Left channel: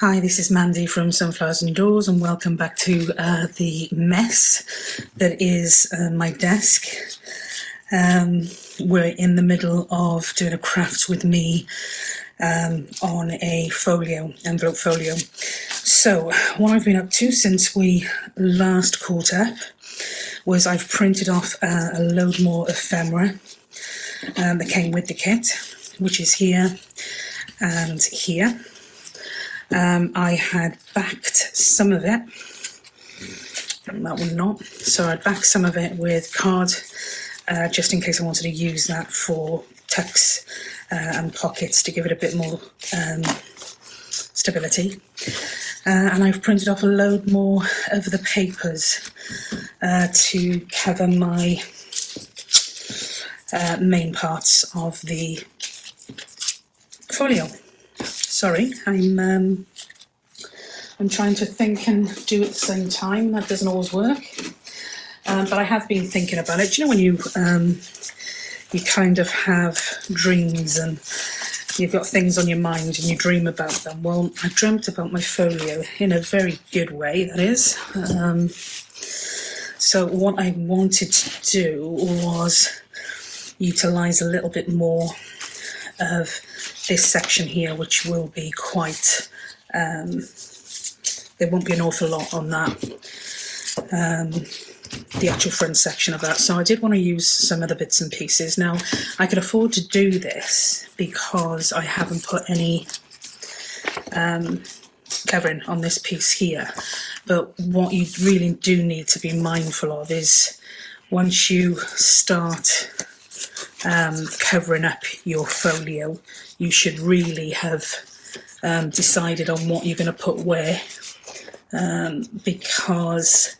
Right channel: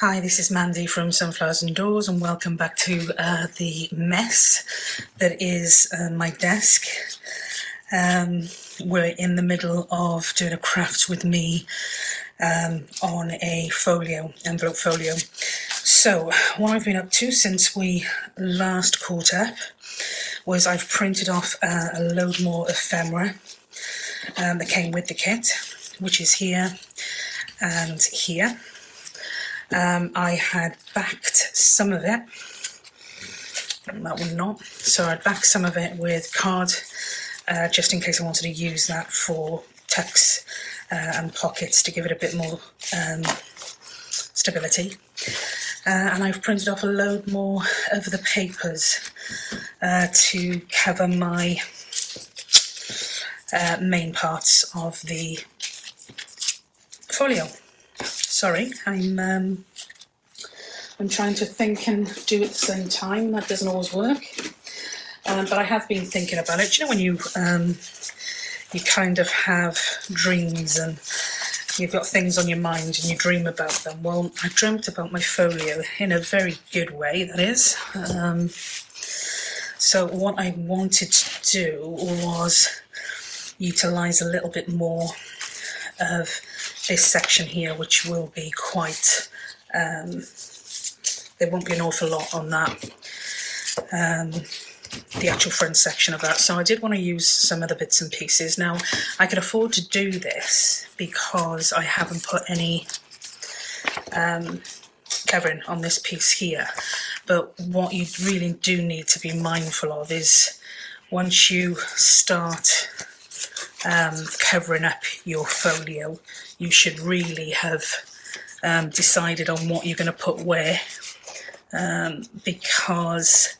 Hi, this is Mandy from Sunflowers and Doors, and welcome back to the mess that is my desk. We're in the middle of doing a craft with me on a envelope folio. So what I've been up to since we last caught up was I've printed off a load more ephemera that came with the kit, which is here and here. I had backed some of it, that one not, so I backed some of it with card just in case I wanted to use that for tucks and pockets to give it a bit more stability. And I've printed off a load more of the papers to cover my main parts of the folio. Sorry, I'm trying to think and do at the same time. That doesn't always work, but I have been thinking about it. Do you know when you kind of have dreams and you've got things on your mind and you dream about them? Well, I dreamt about my folio in a very good way, that is. So what I wanted to do was utilise a little bit more of this section here, which will be quite, there won't be an awful lot on that, the actual front section of that. So I did want to use some of the bits and pieces. Now, I can afford to do this because I haven't put any covering on this piece here. But what you really do need to be mindful of is once you start covering up your folio, you should really have decided on what you're going to put where, because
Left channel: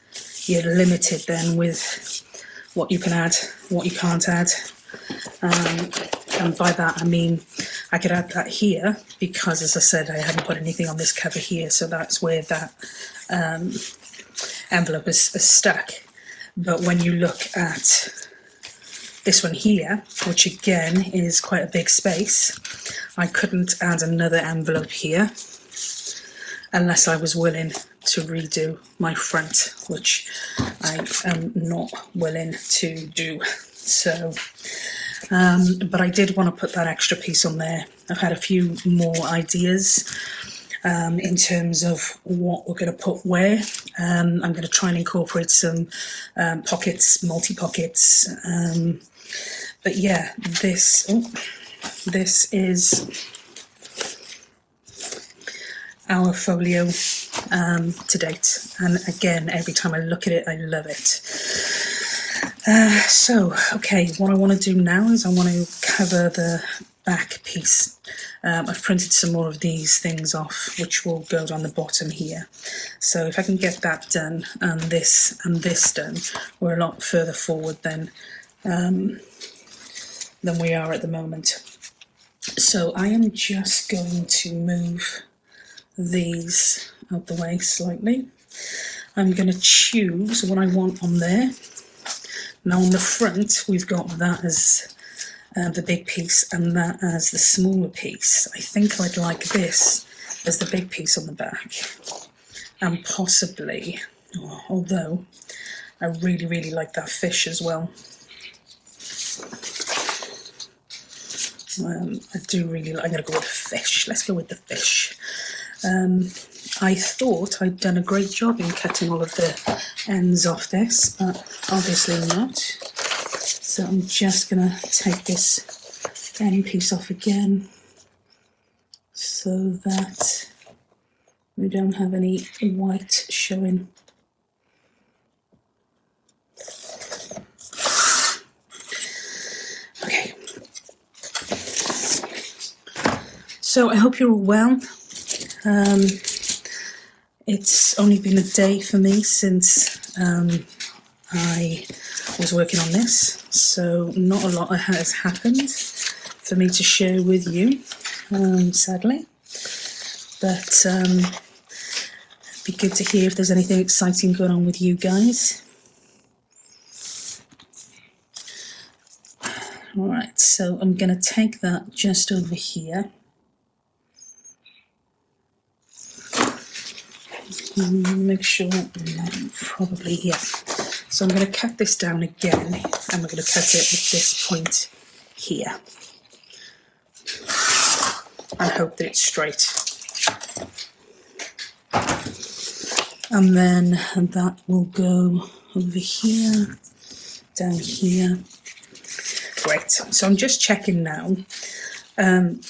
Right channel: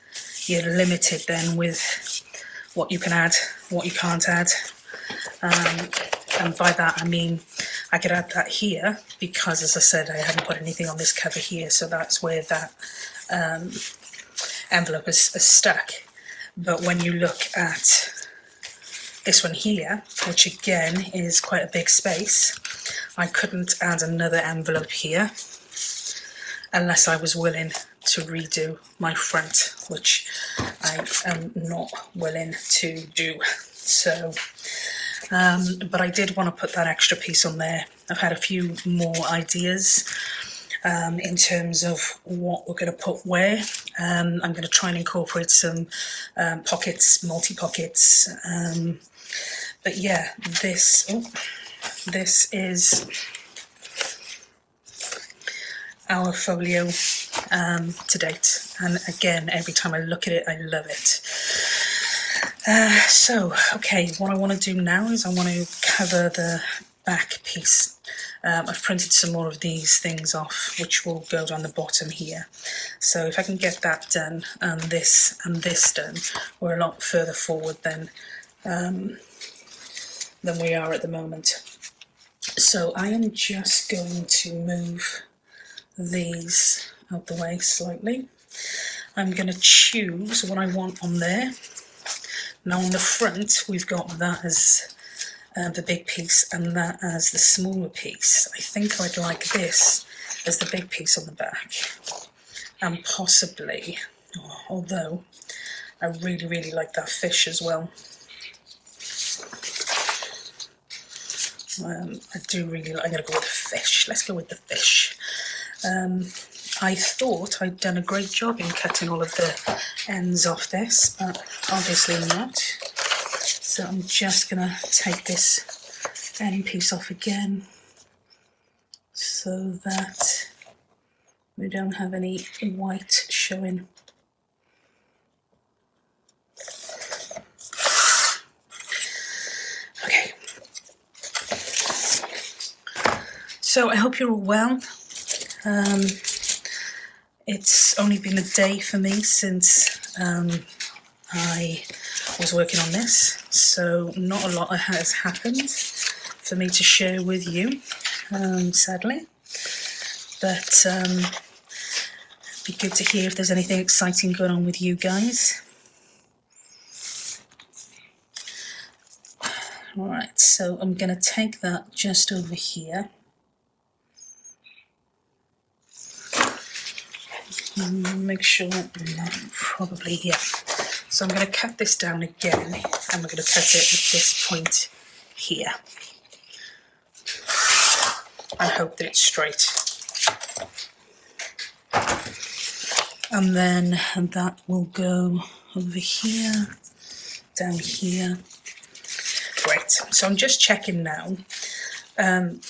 you're limited then with what you can add, what you can't add. And by that I mean I could add that here because, as I said, I haven't put anything on this cover here, so that's where that envelope is stuck. But when you look at this one here, which again is quite a big space, I couldn't add another envelope here unless I was willing to redo my front, which I am not willing to do. So, but I did want to put that extra piece on there. I've had a few more ideas in terms of what we're going to put where. I'm going to try and incorporate some pockets, multi-pockets. But yeah, this is our folio to date, and again, every time I look at it, I love it. So, okay, what I want to do now is I want to cover the back piece. I've printed some more of these things off, which will go down the bottom here. So if I can get that done and this done, we're a lot further forward than we are at the moment. So I am just going to move these out the way slightly. I'm going to choose what I want on there. Now on the front, we've got that as the big piece and that as the smaller piece. I think I'd like this as the big piece on the back. And possibly, although I really, really like that fish as well. I do really like, I'm going to go with the fish. Let's go with the fish. I thought I'd done a great job in cutting all of the ends off this, but obviously not. So I'm just going to take this end piece off again so that we don't have any white showing. Okay. So I hope you're all well. It's only been a day for me since I was working on this, so not a lot has happened for me to share with you, sadly. But it'd be good to hear if there's anything exciting going on with you guys. Alright, so I'm going to take that just over here. Make sure, probably here. So I'm going to cut this down again, and we're going to cut it at this point here, and hope that it's straight. And then that will go over here, down here. Great. So I'm just checking now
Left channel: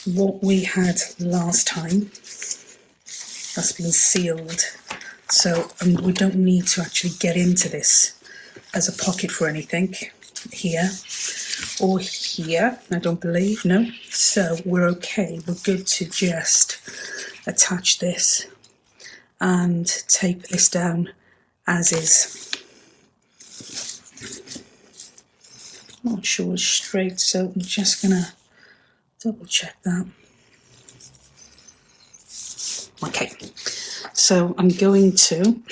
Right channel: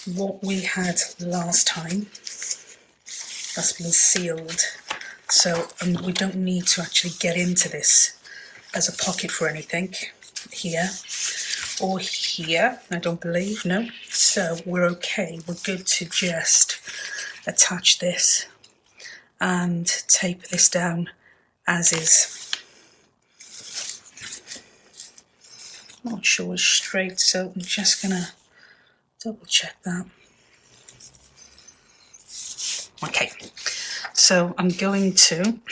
what we had last time. That's been sealed. So we don't need to actually get into this as a pocket for anything here or here, I don't believe, no. So we're okay. We're good to just attach this and tape this down as is. I'm not sure it's straight, so I'm just gonna double check that. Okay, so I'm not going to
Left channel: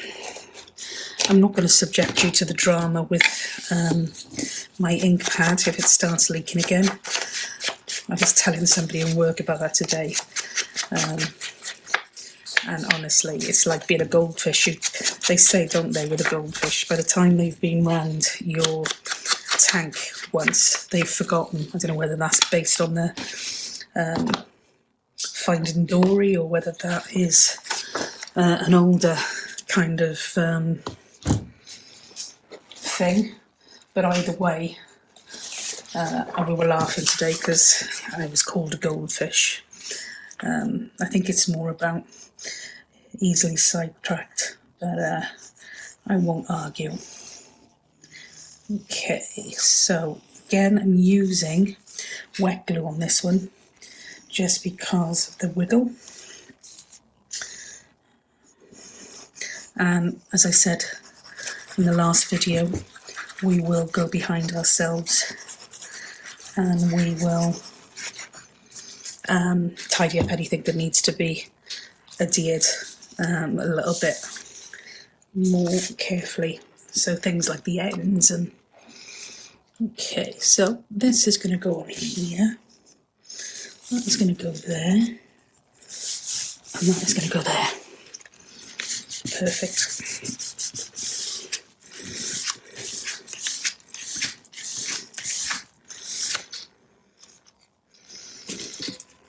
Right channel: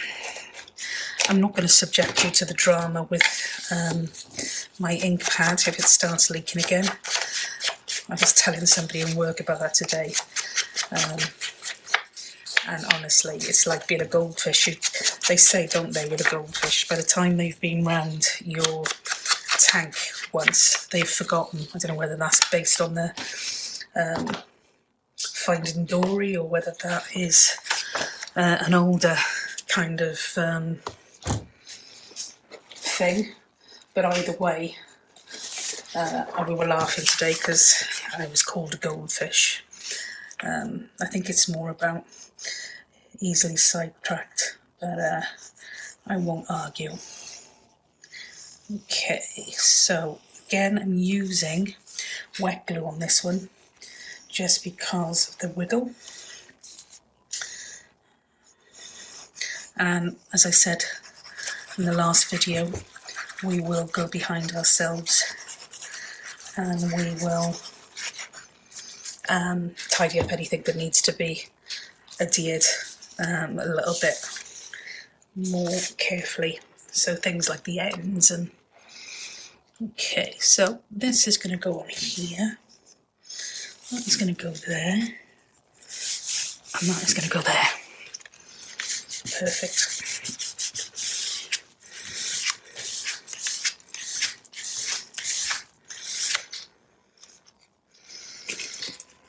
subject you to the drama with my ink pad if it starts leaking again. I was telling somebody in work about that today. And honestly, it's like being a goldfish. They say, don't they, with a goldfish, by the time they've been round your tank once, they've forgotten. I don't know whether that's based on the Finding Dory or whether that is an older kind of thing. But either way, we were laughing today because I was called a goldfish. I think it's more about easily sidetracked, but I won't argue. Okay, so again, I'm using wet glue on this one just because of the wiggle. And as I said in the last video, we will go behind ourselves and we will tidy up anything that needs to be adhered a little bit more carefully. So things like the ends and... Okay, so this is going to go on here. That is going to go there. And that is going to go there. Perfect.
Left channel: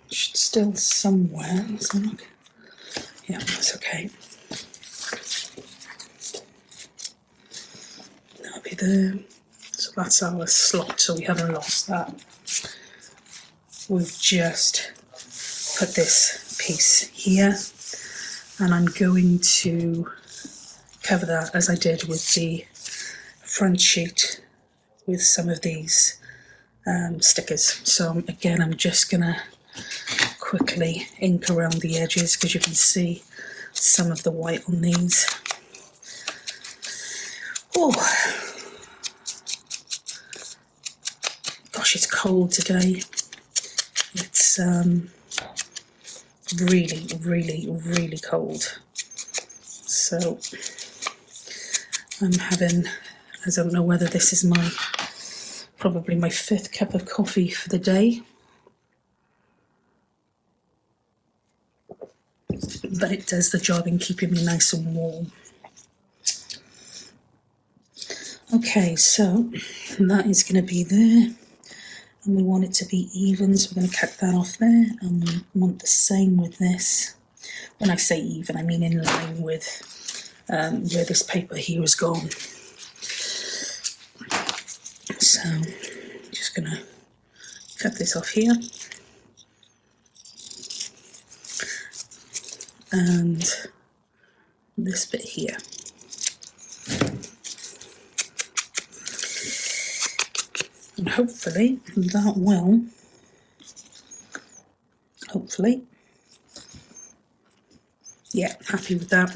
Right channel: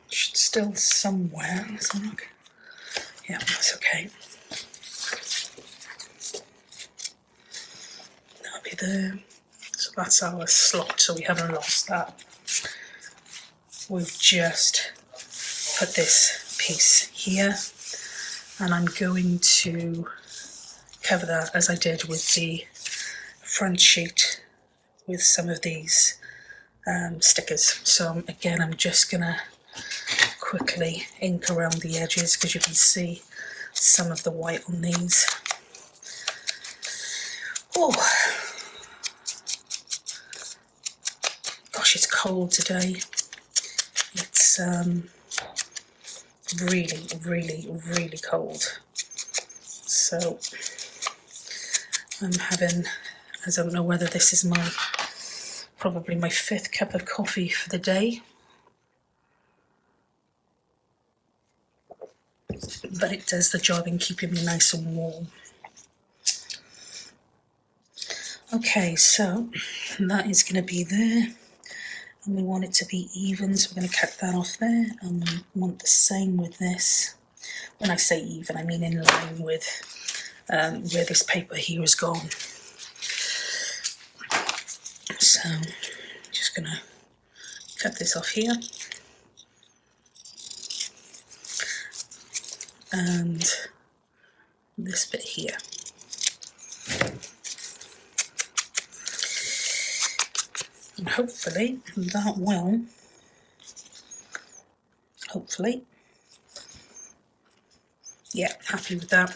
Should still somewhere. Let's look. Yeah, that's okay. That'll be there. So that's our slot, so we haven't lost that. We've just put this piece here, and I'm going to cover that as I did with the front sheet with some of these stickers. So again, I'm just gonna quickly ink around the edges because you can see some of the white on these. Oh, gosh, it's cold today. It's really, really, really cold. So I'm having, I don't know whether this is probably my 5th cup of coffee for the day. But it does the job in keeping me nice and warm. Okay, so that is going to be there. And we want it to be even, so we're going to cut that off there. And we want the same with this. When I say even, I mean in line with where this paper here is gone. So I'm just going to cut this off here. And this bit here. And hopefully that will, yeah, happy with that.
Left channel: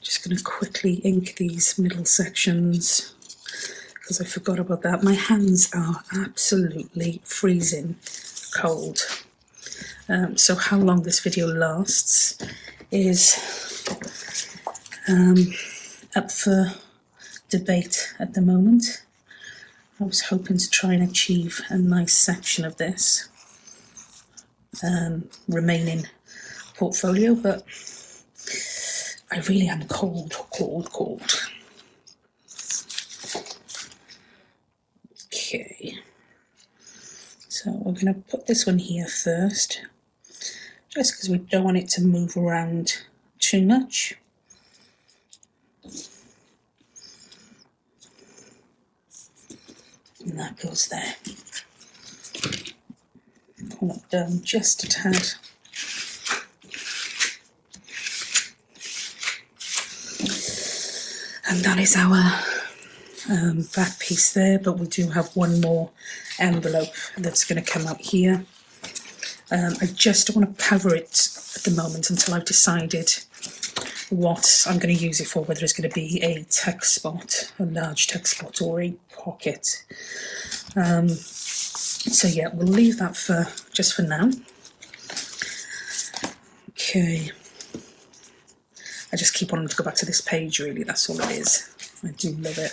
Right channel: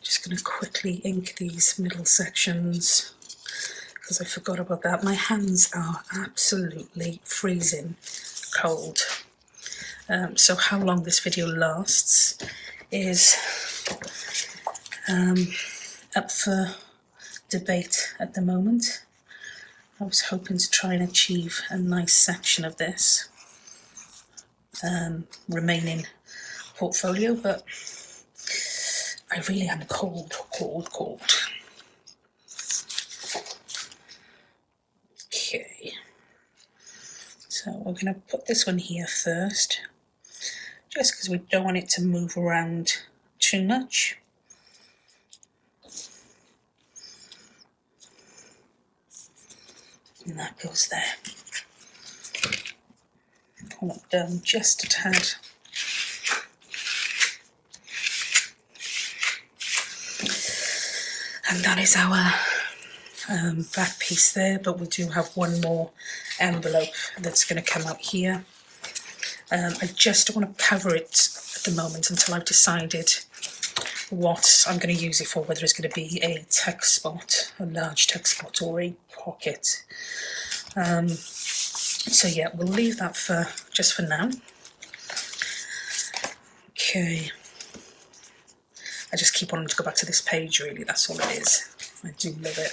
Just going to quickly ink these middle sections because I forgot about that. My hands are absolutely freezing cold. So how long this video lasts is up for debate at the moment. I was hoping to try and achieve a nice section of this remaining portfolio, but I really am cold. Okay, so we're going to put this one here first, just because we don't want it to move around too much. And that goes there. Pull it down just a tad. And that is our back piece there, but we do have one more envelope that's going to come out here. I just don't want to cover it at the moment until I've decided what I'm going to use it for, whether it's going to be a tuck spot, a large tuck spot, or a pocket. So yeah, we'll leave that for just for now. Okay. I just keep wanting to go back to this page, really, that's all it is. I do love it.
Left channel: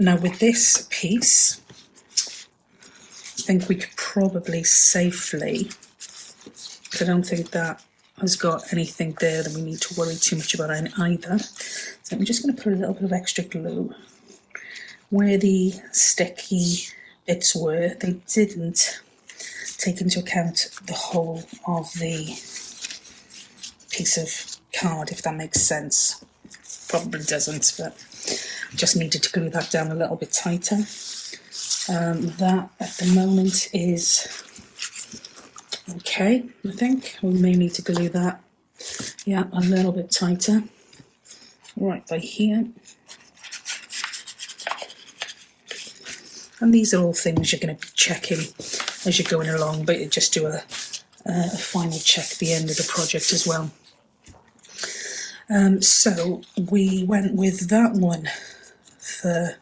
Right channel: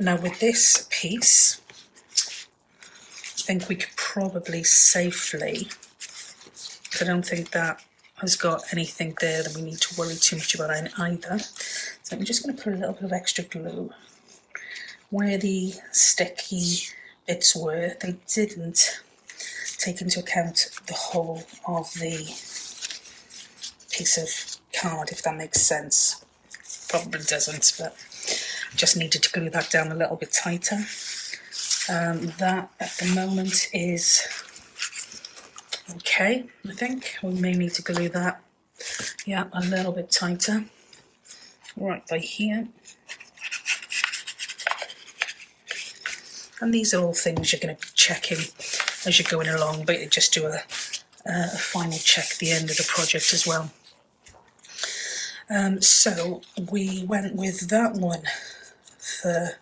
Now with this piece, I think we could probably safely, I don't think that has got anything there that we need to worry too much about either. So I'm just going to put a little bit of extra glue where the sticky bits were. They didn't take into account the whole of the piece of card, if that makes sense. Probably doesn't, but just needed to glue that down a little bit tighter. That at the moment is okay, I think. We may need to glue that, yeah, a little bit tighter, right by here. And these are all things you're going to be checking as you're going along, but you just do a final check at the end of the project as well. So we went with that one for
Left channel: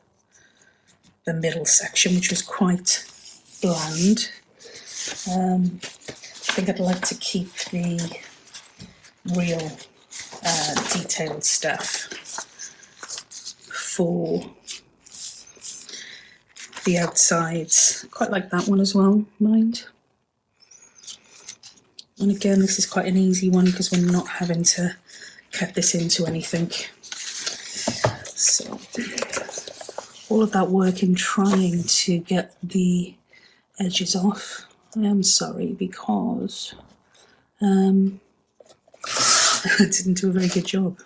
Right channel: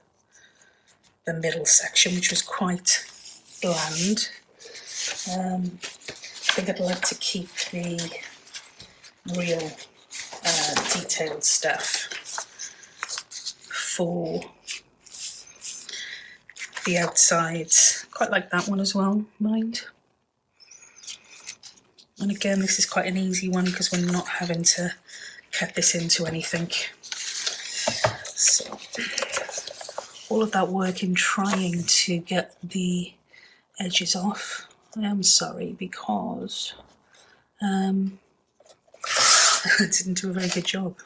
the middle section, which was quite bland. I think I'd like to keep the real detailed stuff for the outsides. Quite like that one as well, mind. And again, this is quite an easy one because we're not having to cut this into anything. So all of that work in trying to get the edges off, I am sorry, because I didn't do a very good job.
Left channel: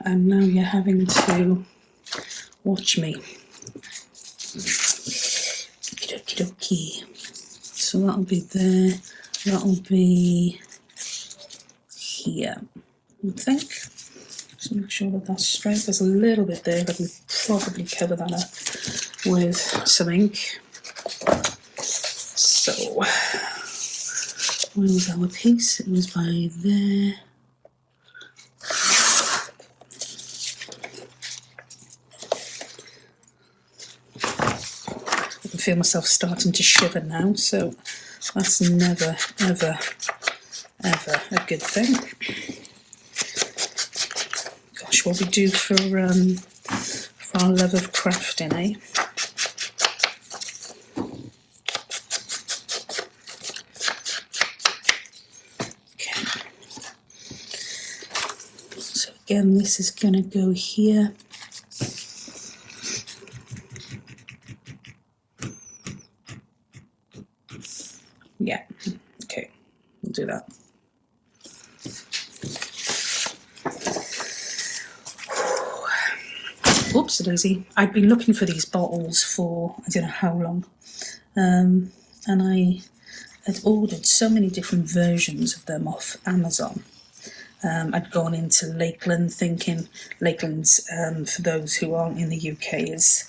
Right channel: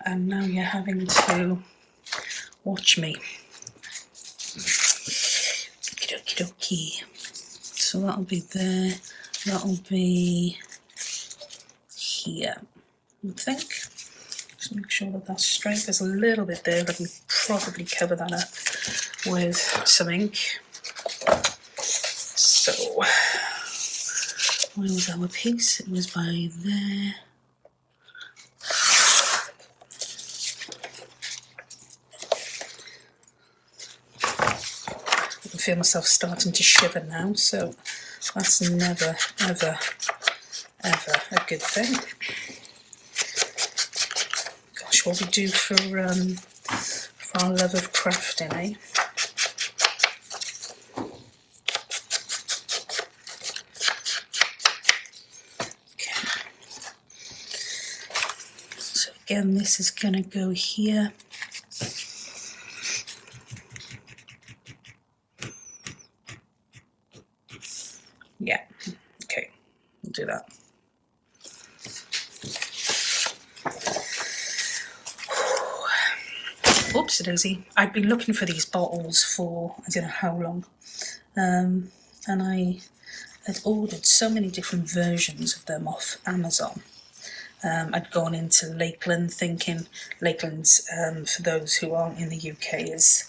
And now you're having to watch me. Okie dokie. So that'll be there, that'll be here, I think. Just make sure that that's straight. There's a little bit there, but we'll probably cover that up with some ink. So, where was our piece? It was by there. I can feel myself starting to shiver now, so that's never, ever, ever a good thing. Gosh, what we do for our love of crafting, eh? Okay. So again, this is going to go here. Yeah, okay, we'll do that. Oops, daisy. I've been looking for these bottles for I don't know how long, and I had ordered so many different versions of them off Amazon. I'd gone into Lakeland thinking, Lakeland's, for those who aren't in the UK, is,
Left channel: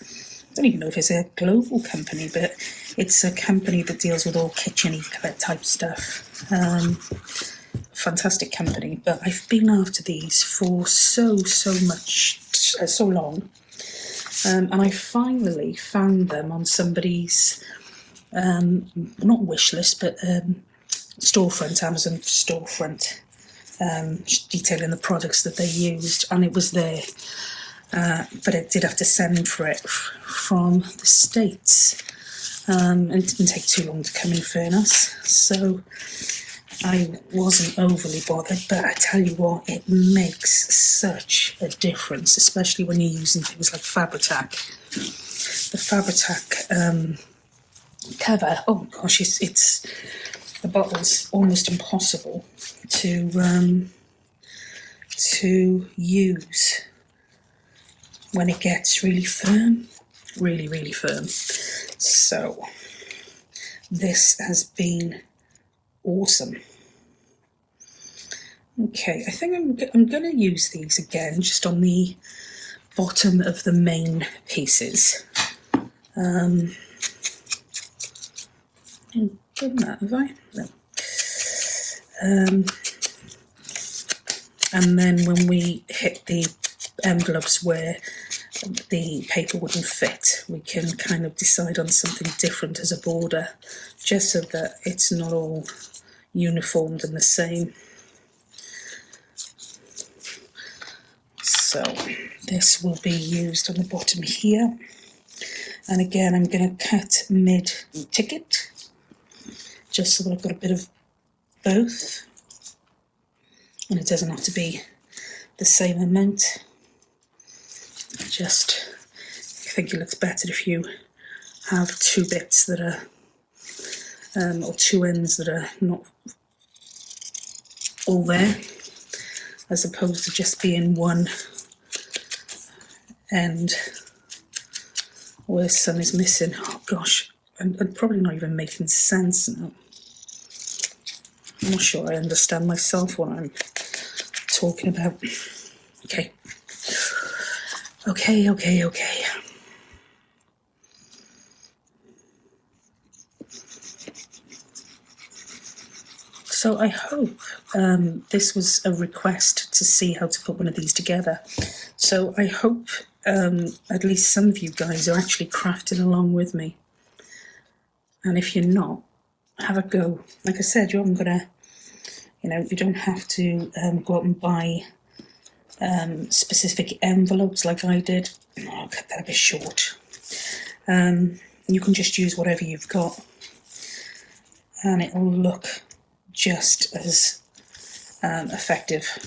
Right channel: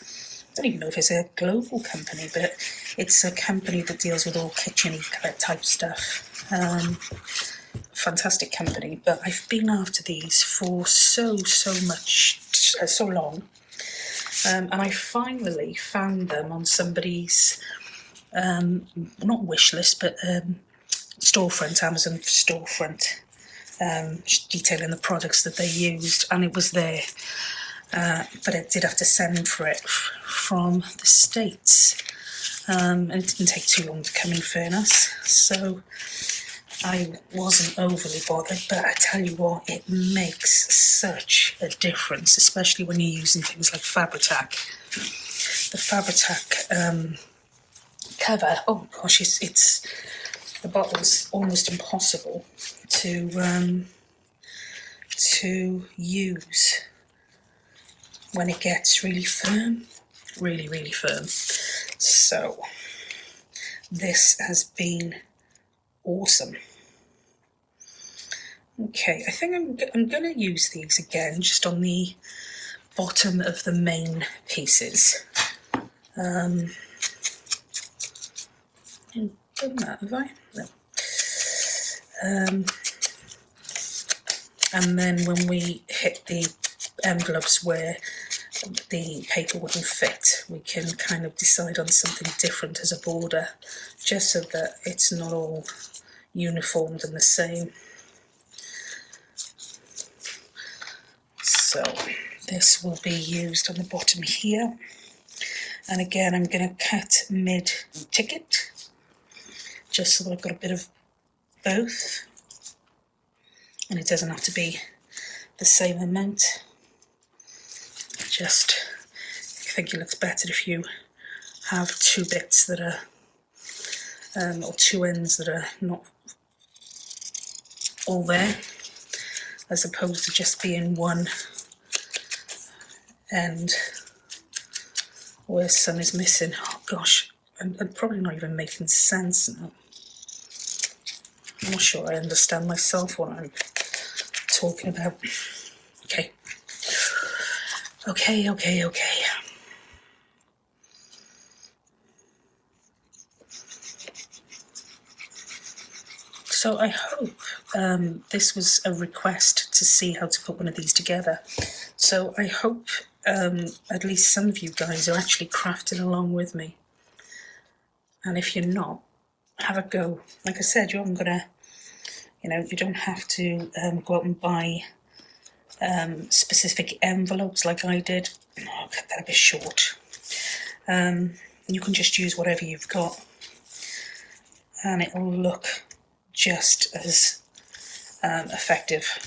I don't even know if it's a global company, but it's a company that deals with all kitchen type stuff. Fantastic company, but I've been after these for so long, and I finally found them on somebody's not wish list, but storefront, Amazon storefront, detailing the products that they used, and it was there. But I did have to send for it from the States, and it didn't take too long to come, in fairness. So I wasn't overly bothered, but I tell you what, it makes such a difference, especially when you're using things like Fabri-Tac. The Fabri-Tac cover, oh gosh, it's the bottle's almost impossible to use when it gets really firm, really firm. So this has been awesome. Okay, I think I'm going to use these again just on the bottom of the main pieces. I've done that, have I? No. And then when we hit the envelopes where the paper wouldn't fit, we can kind of decide on something different as a border, just so that it's not all uniformed and the same. So this will be used on the bottom here. And again, I'm going to cut mid-ticket, just so that I've got a bit of both. And it doesn't have to be the same amount. I think it looks better if you have two bits that are, or two ends that are not all there, as opposed to just being one end where some is missing. Oh gosh, I'm probably not even making sense now. I'm not sure I understand myself what I'm talking about. Okay. So I hope this was a request to see how to put one of these together. So I hope at least some of you guys are actually crafting along with me. And if you're not, have a go. Like I said, you haven't got to, you don't have to go out and buy specific envelopes like I did. Oh, I'll cut that a bit short. You can just use whatever you've got, and it will look just as effective.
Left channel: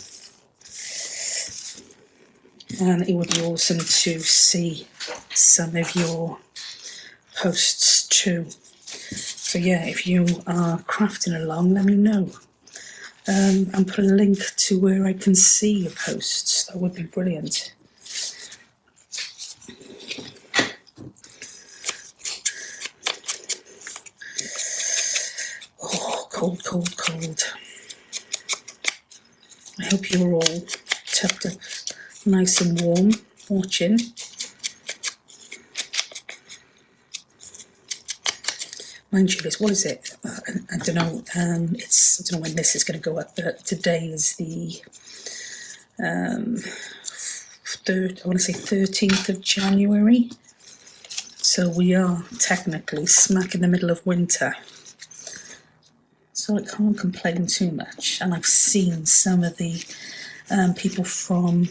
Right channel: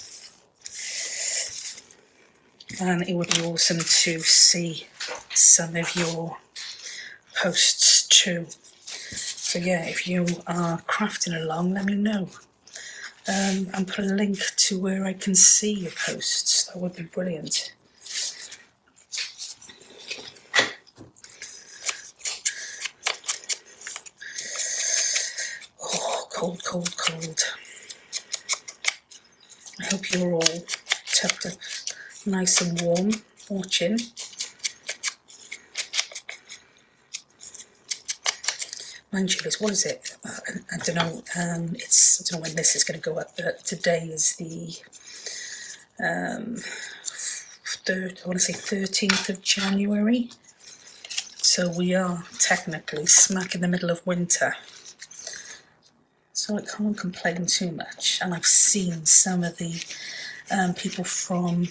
And it would be awesome to see some of your posts too. So yeah, if you are crafting along, let me know. And put a link to where I can see your posts. That would be brilliant. Oh, cold. I hope you're all tucked up nice and warm, watching. Mind you, what is it? I don't know. I don't know when this is going to go up, but today is the 13th of January. So we are technically smack in the middle of winter. So I can't complain too much. And I've seen some of the people from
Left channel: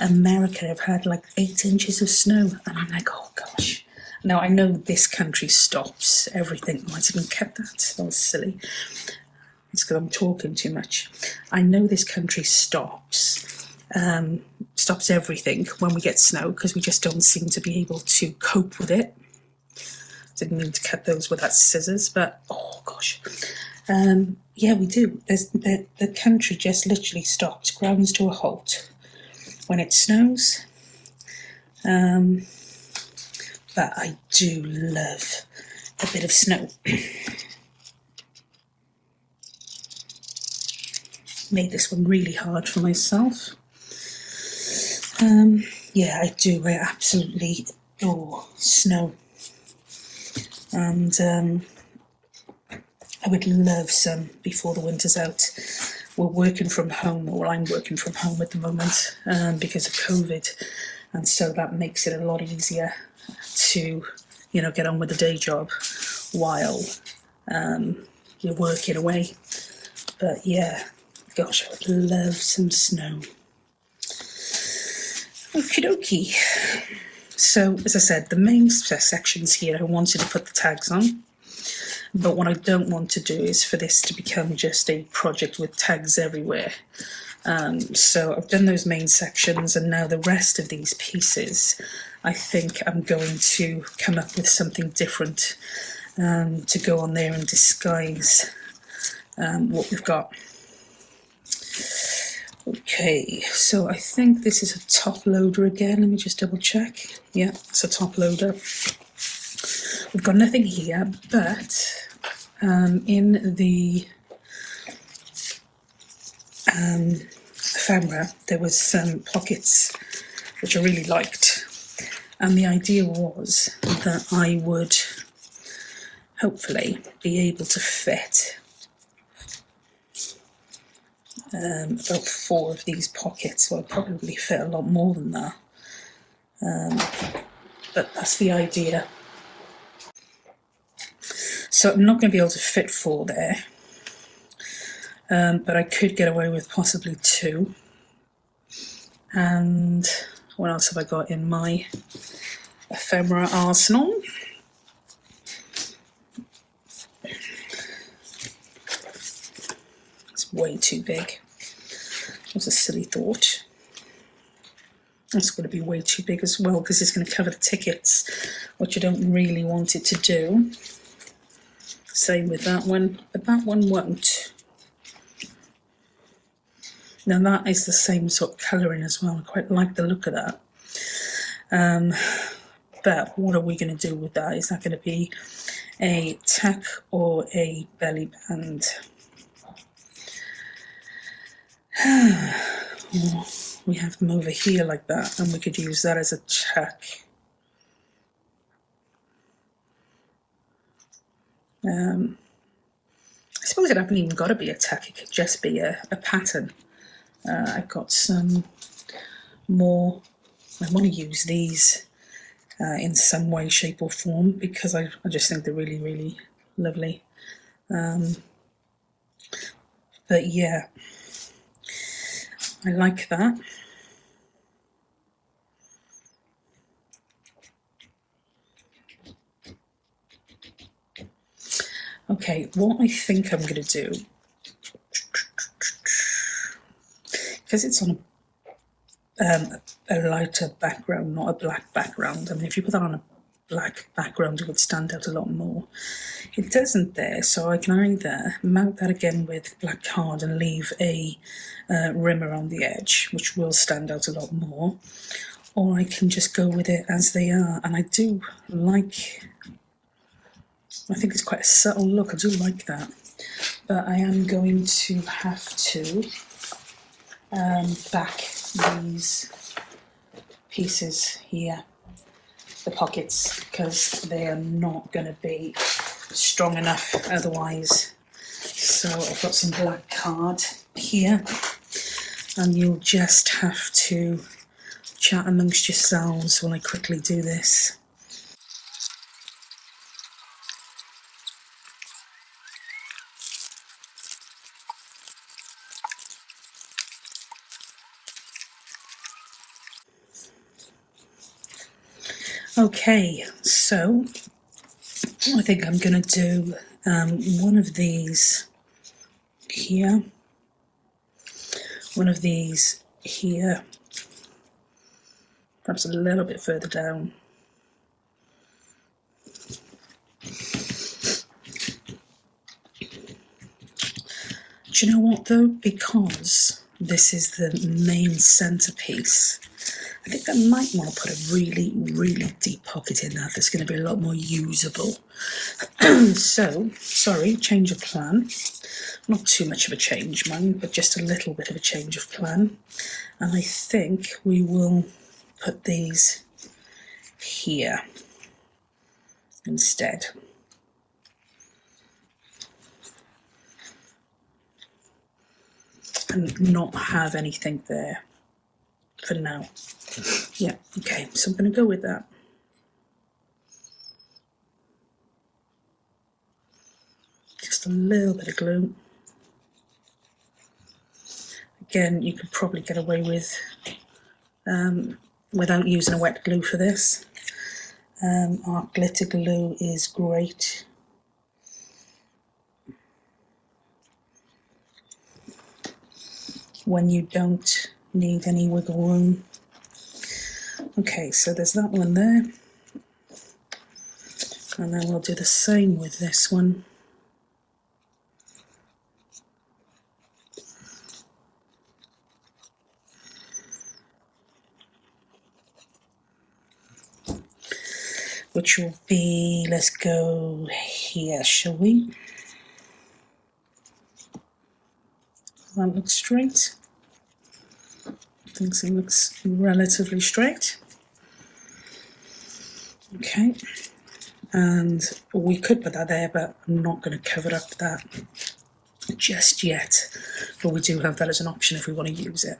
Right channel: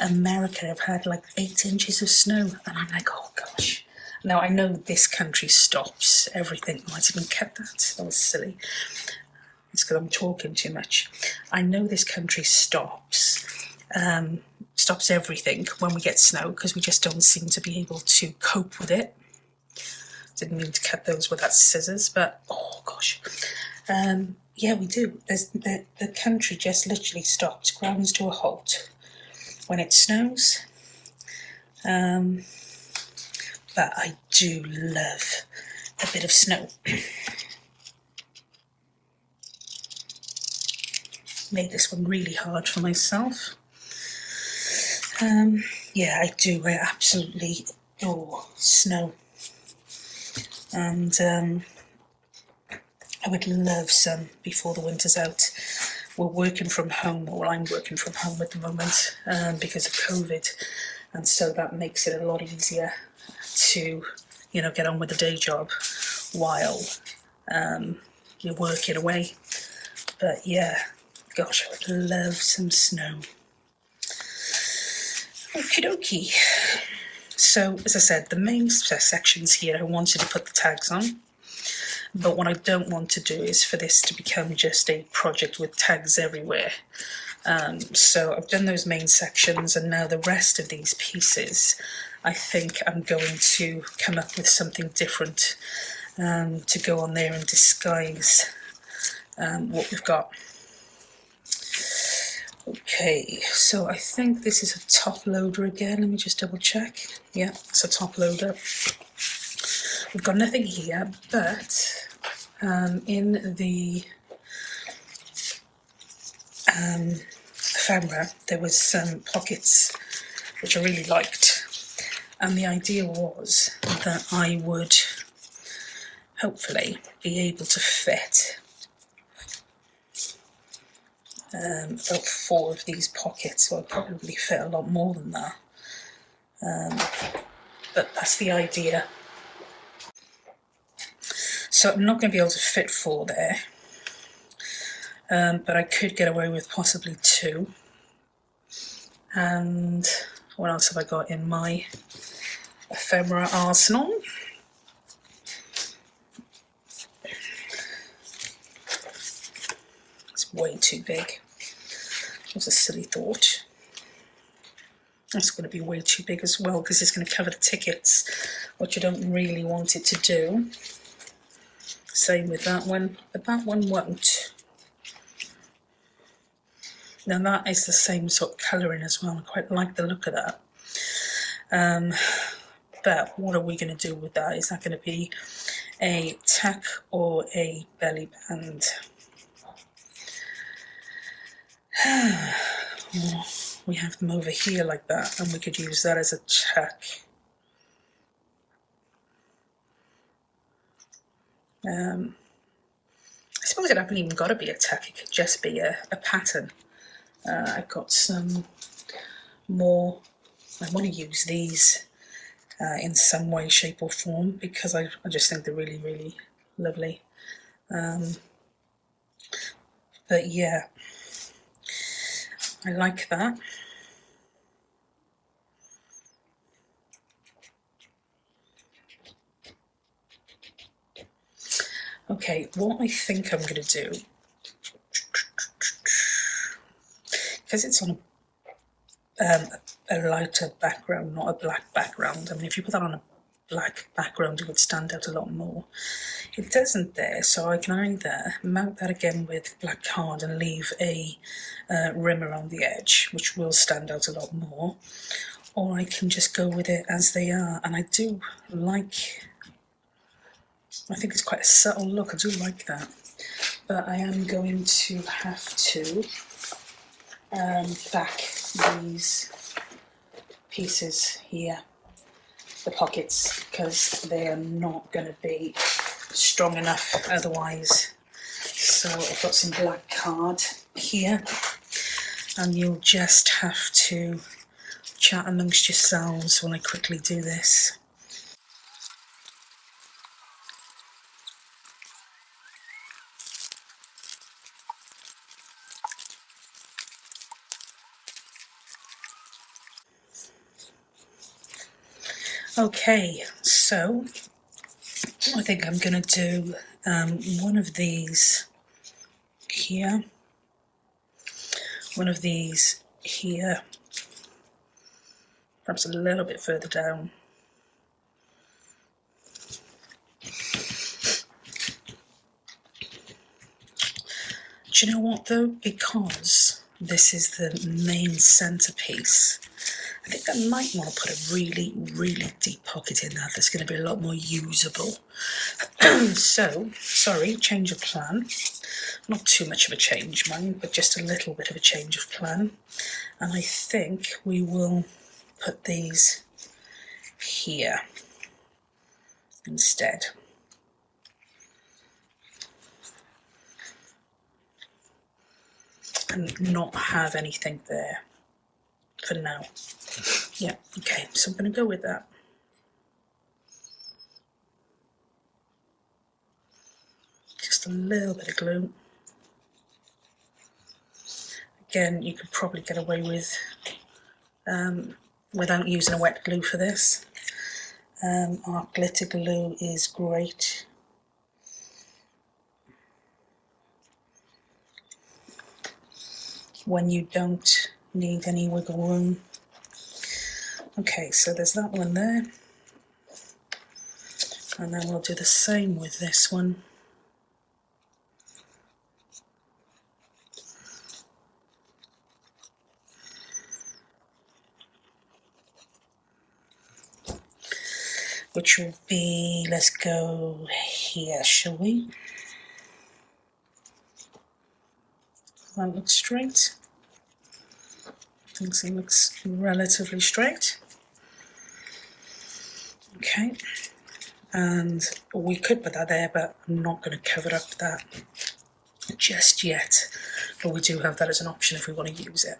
America have had like 8 inches of snow, and I'm like, oh gosh. Now, I know this country stops everything. Oh, I didn't cut that. That was silly. It's because I'm talking too much. I know this country stops everything when we get snow, because we just don't seem to be able to cope with it. Didn't mean to cut those with that scissors, but oh gosh. Yeah, we do. The country just literally stops, grounds to a halt when it snows. But I do love a bit of snow. Made this one really hard for myself. Yeah, I do. I absolutely adore snow. And I would love some before the winter's out. We're working from home, or I'm working from home at the moment because of COVID. And so that makes it a lot easier to, get on with the day job while you're working away. But yeah, gosh, I would love some snow. Okie dokie. So, as I said, the main sections here I wanted to put the tags on. But what I don't want to do is for this to become just a project with tags everywhere. So I've done those main sections, and now the rest of these pieces, I think I'm going to come up with something different to go on there and disguise what we've got. Okay, so I think this is a top loader again. Let me just double check. Yeah, it's a top loader. We've got nothing here, but in the ephemera there was some pockets which I really liked, and the idea was that I would hopefully be able to fit about 4 of these pockets. So I'll probably fit a lot more than that, but that's the idea. So I'm not going to be able to fit 4 there, but I could get away with possibly 2. And what else have I got in my ephemera arsenal? It's way too big. That was a silly thought. It's going to be way too big as well, because it's going to cover the tickets, which I don't really want it to do. Same with that one, but that one won't. Now that is the same sort of colouring as well. I quite like the look of that. But what are we going to do with that? Is that going to be a tack or a belly band? We have them over here like that, and we could use that as a tack. I suppose it hasn't even got to be a tack, it could just be a pattern. I've got some more, I want to use these in some way, shape or form, because I just think they're really, really lovely. But yeah, I like that. Okay, what I think I'm going to do, because it's on a lighter background, not a black background. I mean, if you put that on a black background, it would stand out a lot more. It doesn't there, so I can either mount that again with black card and leave a rim around the edge, which will stand out a lot more, or I can just go with it as they are. And I do like, I think it's quite a subtle look, I do like that, but I am going to have to back these pieces here, the pockets, because they are not going to be strong enough otherwise. So I've got some black card here, and you'll just have to chat amongst yourselves when I quickly do this. Okay, so I think I'm going to do one of these here, one of these here, perhaps a little bit further down. Do you know what though? Because this is the main centerpiece, I think I might want to put a really, really deep pocket in that. That's going to be a lot more usable. So, sorry, change of plan. Not too much of a change, mind, but just a little bit of a change of plan. And I think we will put these here instead. And not have anything there for now. Yeah, okay, so I'm going to go with that. Just a little bit of glue. Again, you could probably get away with without using a wet glue for this. Our glitter glue is great. when you don't need any wiggle room. Okay, so there's that one there. And then we'll do the same with this one. Which will be, let's go here, shall we? Does that look straight? I think it looks relatively straight. Okay, and we could put that there, but I'm not going to cover up that just yet. But we do have that as an option if we want to use it.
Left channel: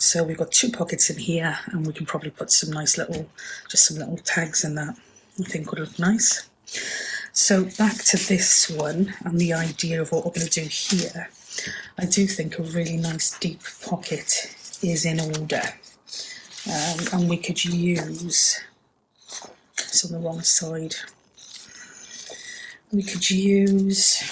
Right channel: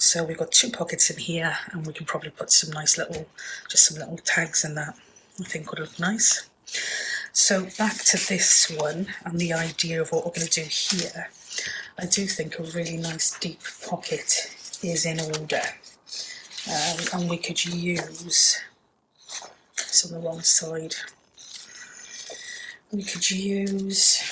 So we've got 2 pockets in here, and we can probably put some nice little, just some little tags in that. I think would look nice. So back to this one and the idea of what we're going to do here. I do think a really nice deep pocket is in order, and we could use, it's on the wrong side, we could use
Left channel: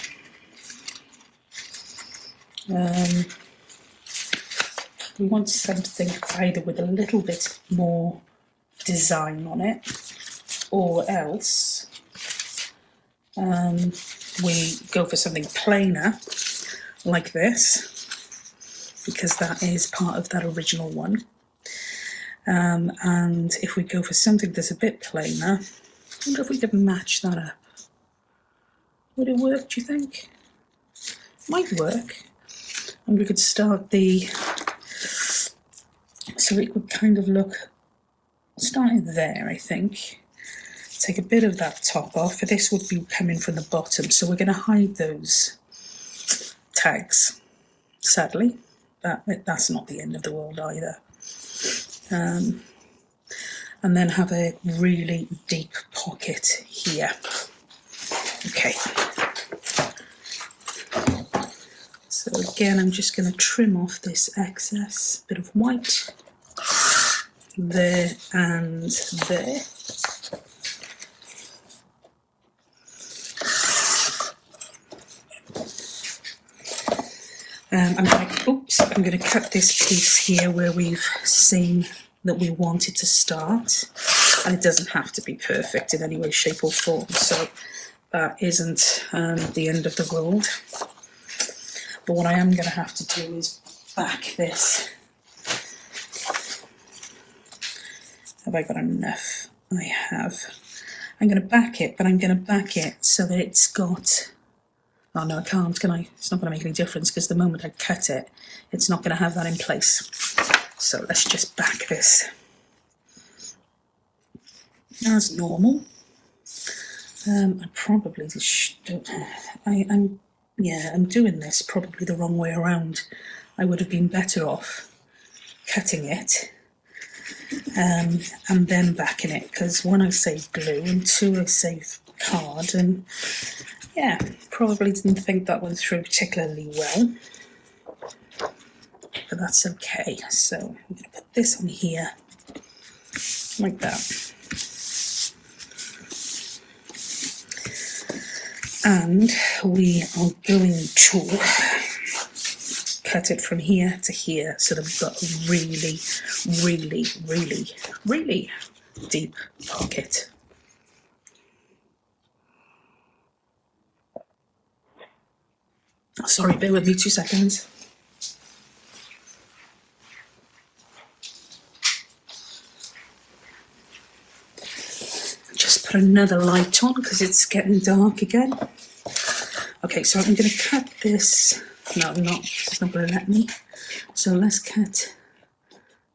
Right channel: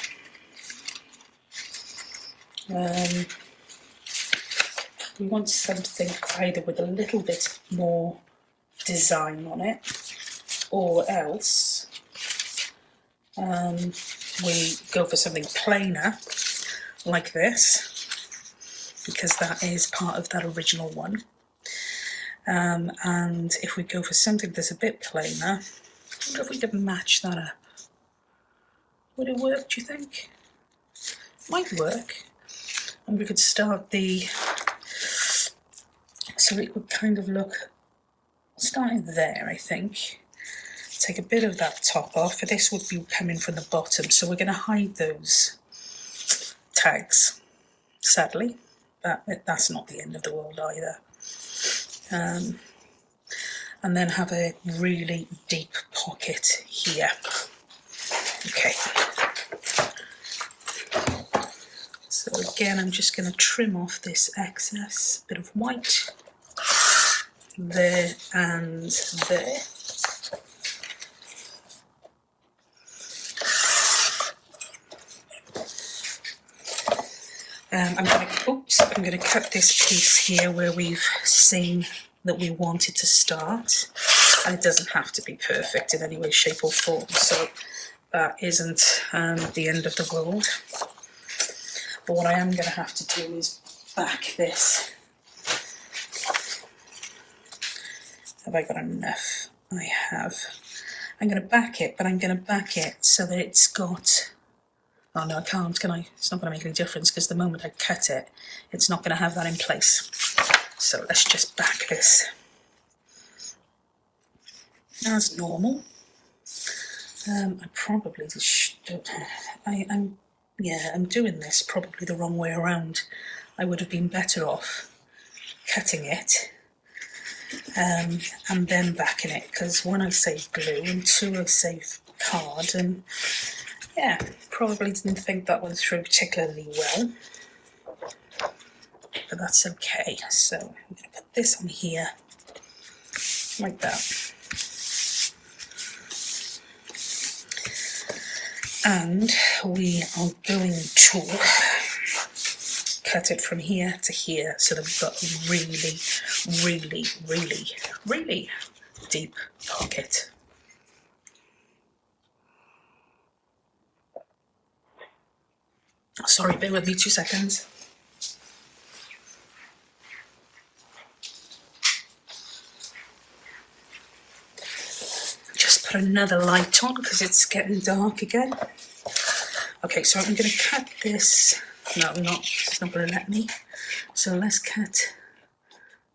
we want something either with a little bit more design on it, or else we go for something plainer like this, because that is part of that original one. And if we go for something that's a bit plainer, I wonder if we could match that up. Would it work, do you think? Might work. And we could start the, so it would kind of look, starting there, I think. Take a bit of that top off, for this would be coming from the bottom, so we're going to hide those tags, sadly. That's not the end of the world either. And then have a really deep pocket here. Okay. So again, I'm just going to trim off this excess bit of white there and there. I'm going to cut this piece here where we've seen that we wanted to start, and it doesn't have to be perfect in any way, shape or form, so that isn't the end of the world. But what I am going to have to do is back this. Have I got enough? I have. I'm going to back it, but I'm going to back it so that it's got, oh no, I can't, can I? It's not going to make any difference, because the moment I cut it, it's not going to have that in place. So let's just back this as normal. I probably just don't, I'm doing this probably the wrong way around. I would have been better off cutting it and then backing it, because one, I saved glue, and 2, I saved card, and yeah, probably didn't think that went through particularly well, but that's okay. So I'm going to put this on here like that, and we are going to cut it from here to here so that we've got a really, really, really, really deep pocket. Sorry, bear with me 2 seconds. Just put another light on because it's getting dark again. Okay, so I'm going to cut this. No, I'm not. It's not going to let me. So let's cut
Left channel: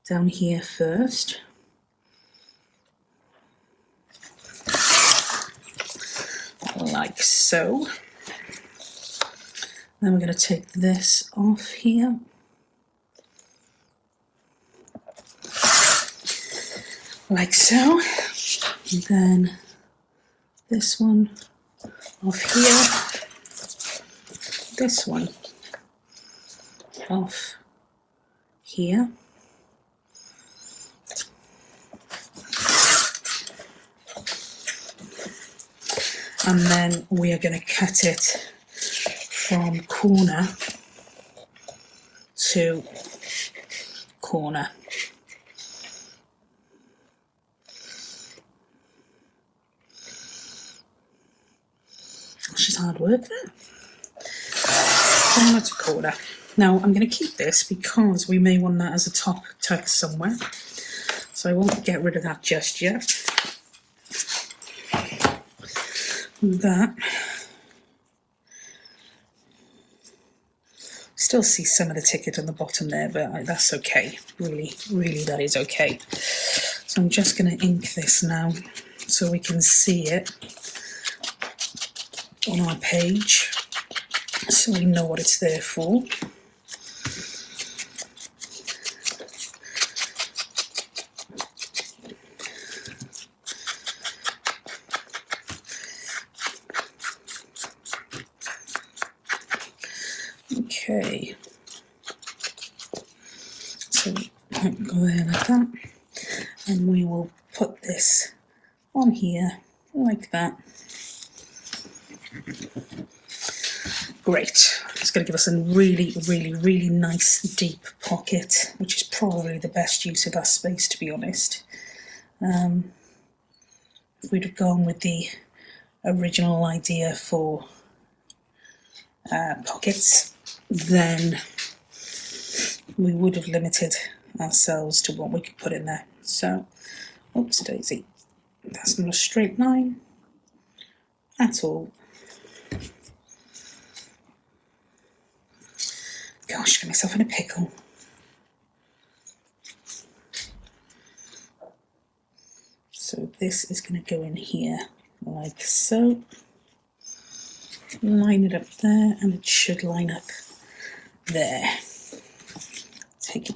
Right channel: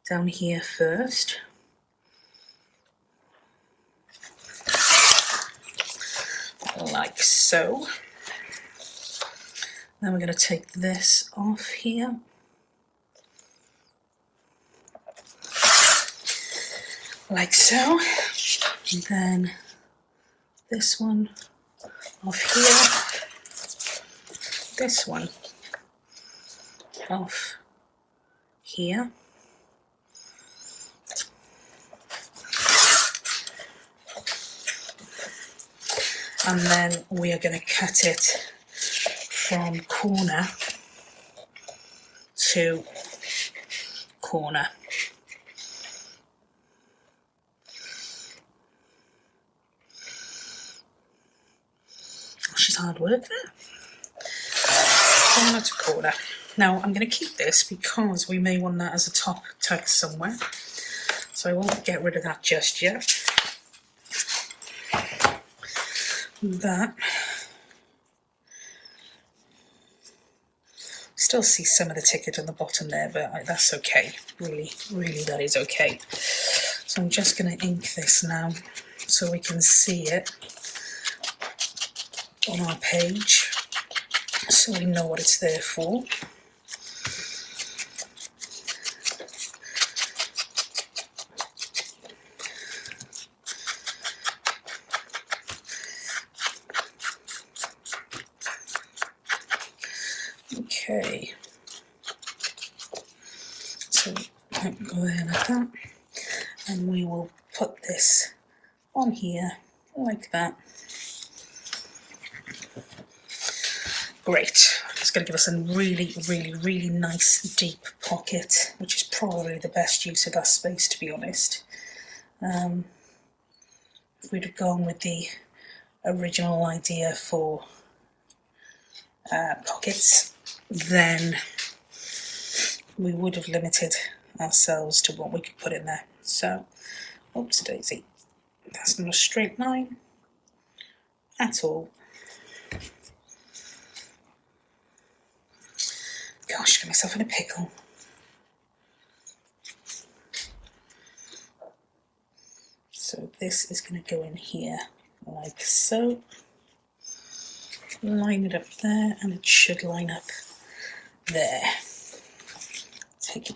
down here first. Like so. Then we're going to take this off here. Like so. And then this one off here. This one off here. And then we are going to cut it from corner to corner. She's hard work there. Corner to corner. Now I'm going to keep this because we may want that as a top text somewhere, so I won't get rid of that just yet. That, still see some of the ticket on the bottom there, but that's okay. Really that is okay. So I'm just going to ink this now so we can see it on our page, so we know what it's there for. Okay, so I'll go there like that, and we will put this on here like that. Great. It's going to give us a really nice deep pocket, which is probably the best use of our space, to be honest. If we'd have gone with the original idea for pockets, then we would have limited ourselves to what we could put in there. So, oops daisy, that's not a straight line at all. Gosh, got myself in a pickle. So this is going to go in here like so. Line it up there, and it should line up there. Take it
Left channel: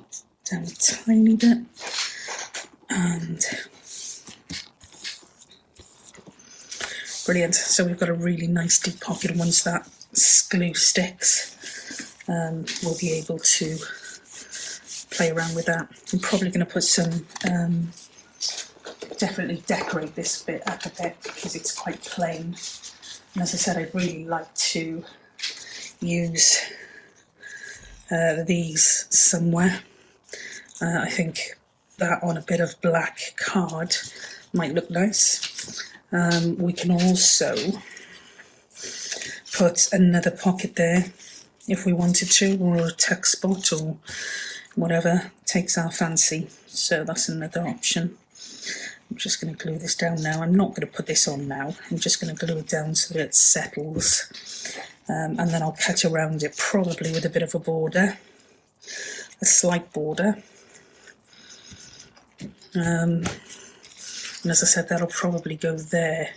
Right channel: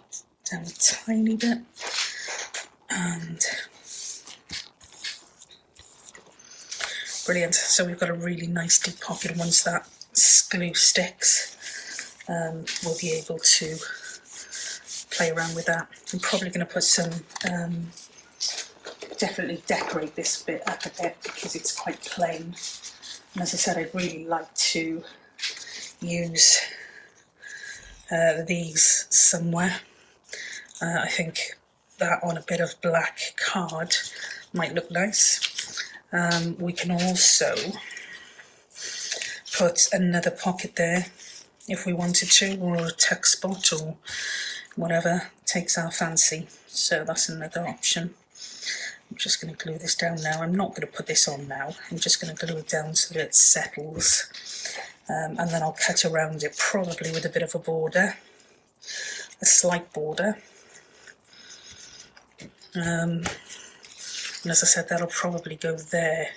down a tiny bit, and brilliant. So we've got a really nice deep pocket. Once that glue sticks, we'll be able to play around with that. I'm probably going to put some, definitely decorate this bit up a bit because it's quite plain. And as I said, I really like to use these somewhere. I think that on a bit of black card might look nice. We can also put another pocket there if we wanted to, or a tuck spot or whatever takes our fancy. So that's another option. I'm just going to glue this down now. I'm not going to put this on now. I'm just going to glue it down so that it settles. And then I'll cut around it, probably with a bit of a border, a slight border. And as I said, that'll probably go there.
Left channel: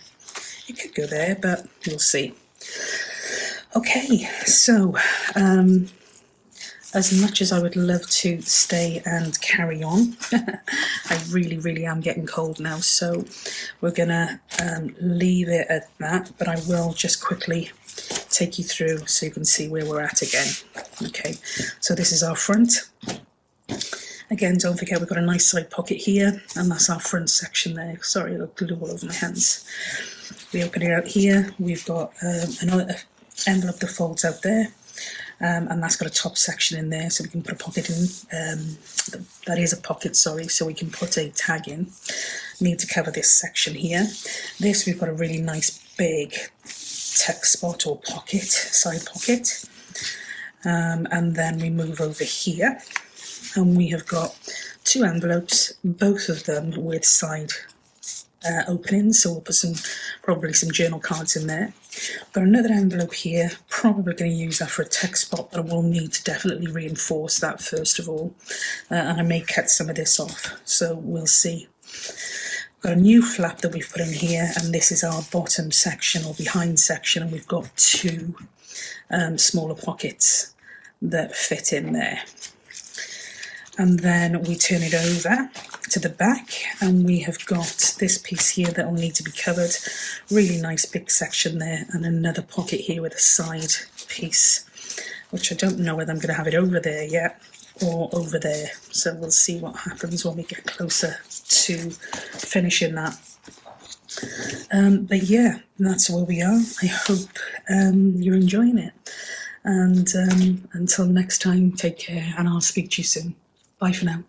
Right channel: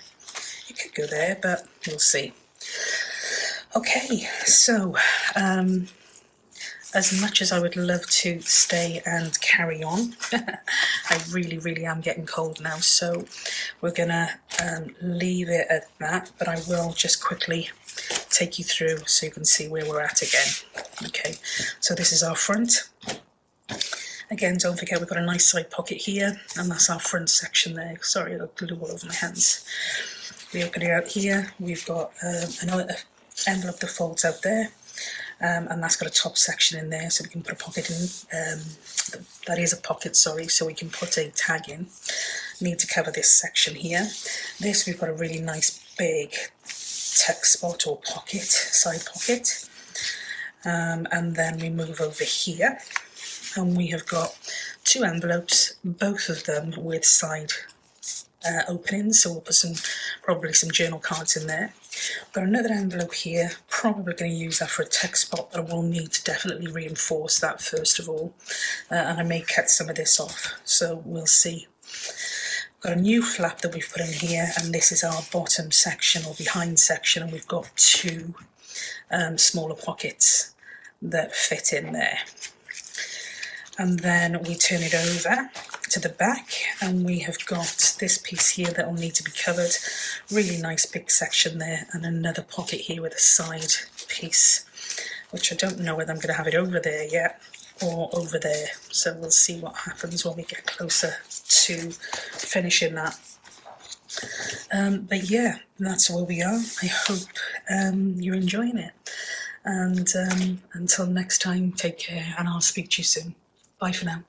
It could go there, but we'll see. Okay, so as much as I would love to stay and carry on, I really am getting cold now, so we're gonna leave it at that, but I will just quickly take you through so you can see where we're at again. Okay, so this is our front. Again, don't forget we've got a nice side pocket here, and that's our front section there. Sorry, I've got glue all over my hands. We open it out here, we've got another envelope that folds out there, and that's got a top section in there, so we can put a pocket in. That is a pocket, sorry, so we can put a tag in. Need to cover this section here. This, we've got a really nice big text spot or pocket, side pocket, and then we move over here, and we have got two envelopes, both of them with side openings, so we'll put probably some journal cards in there. Got another envelope here, probably going to use that for a text spot, but I will need to definitely reinforce that first of all, and I may cut some of this off, so we'll see. Got a new flap that we've put in here, and this is our bottom section or behind section, and we've got two smaller pockets that fit in there. And then we turn it over to the back, and we have got this piece here that will need to be covered. Really nice big section there, and another pocket here with a side piece, which I don't know whether I'm going to have it over there yet or over there. So we'll see what happens when we get closer to finishing that. But yeah, that's where we are. I hope you're enjoying it. And until next time, take care, and I'll speak to you soon. Bye for now.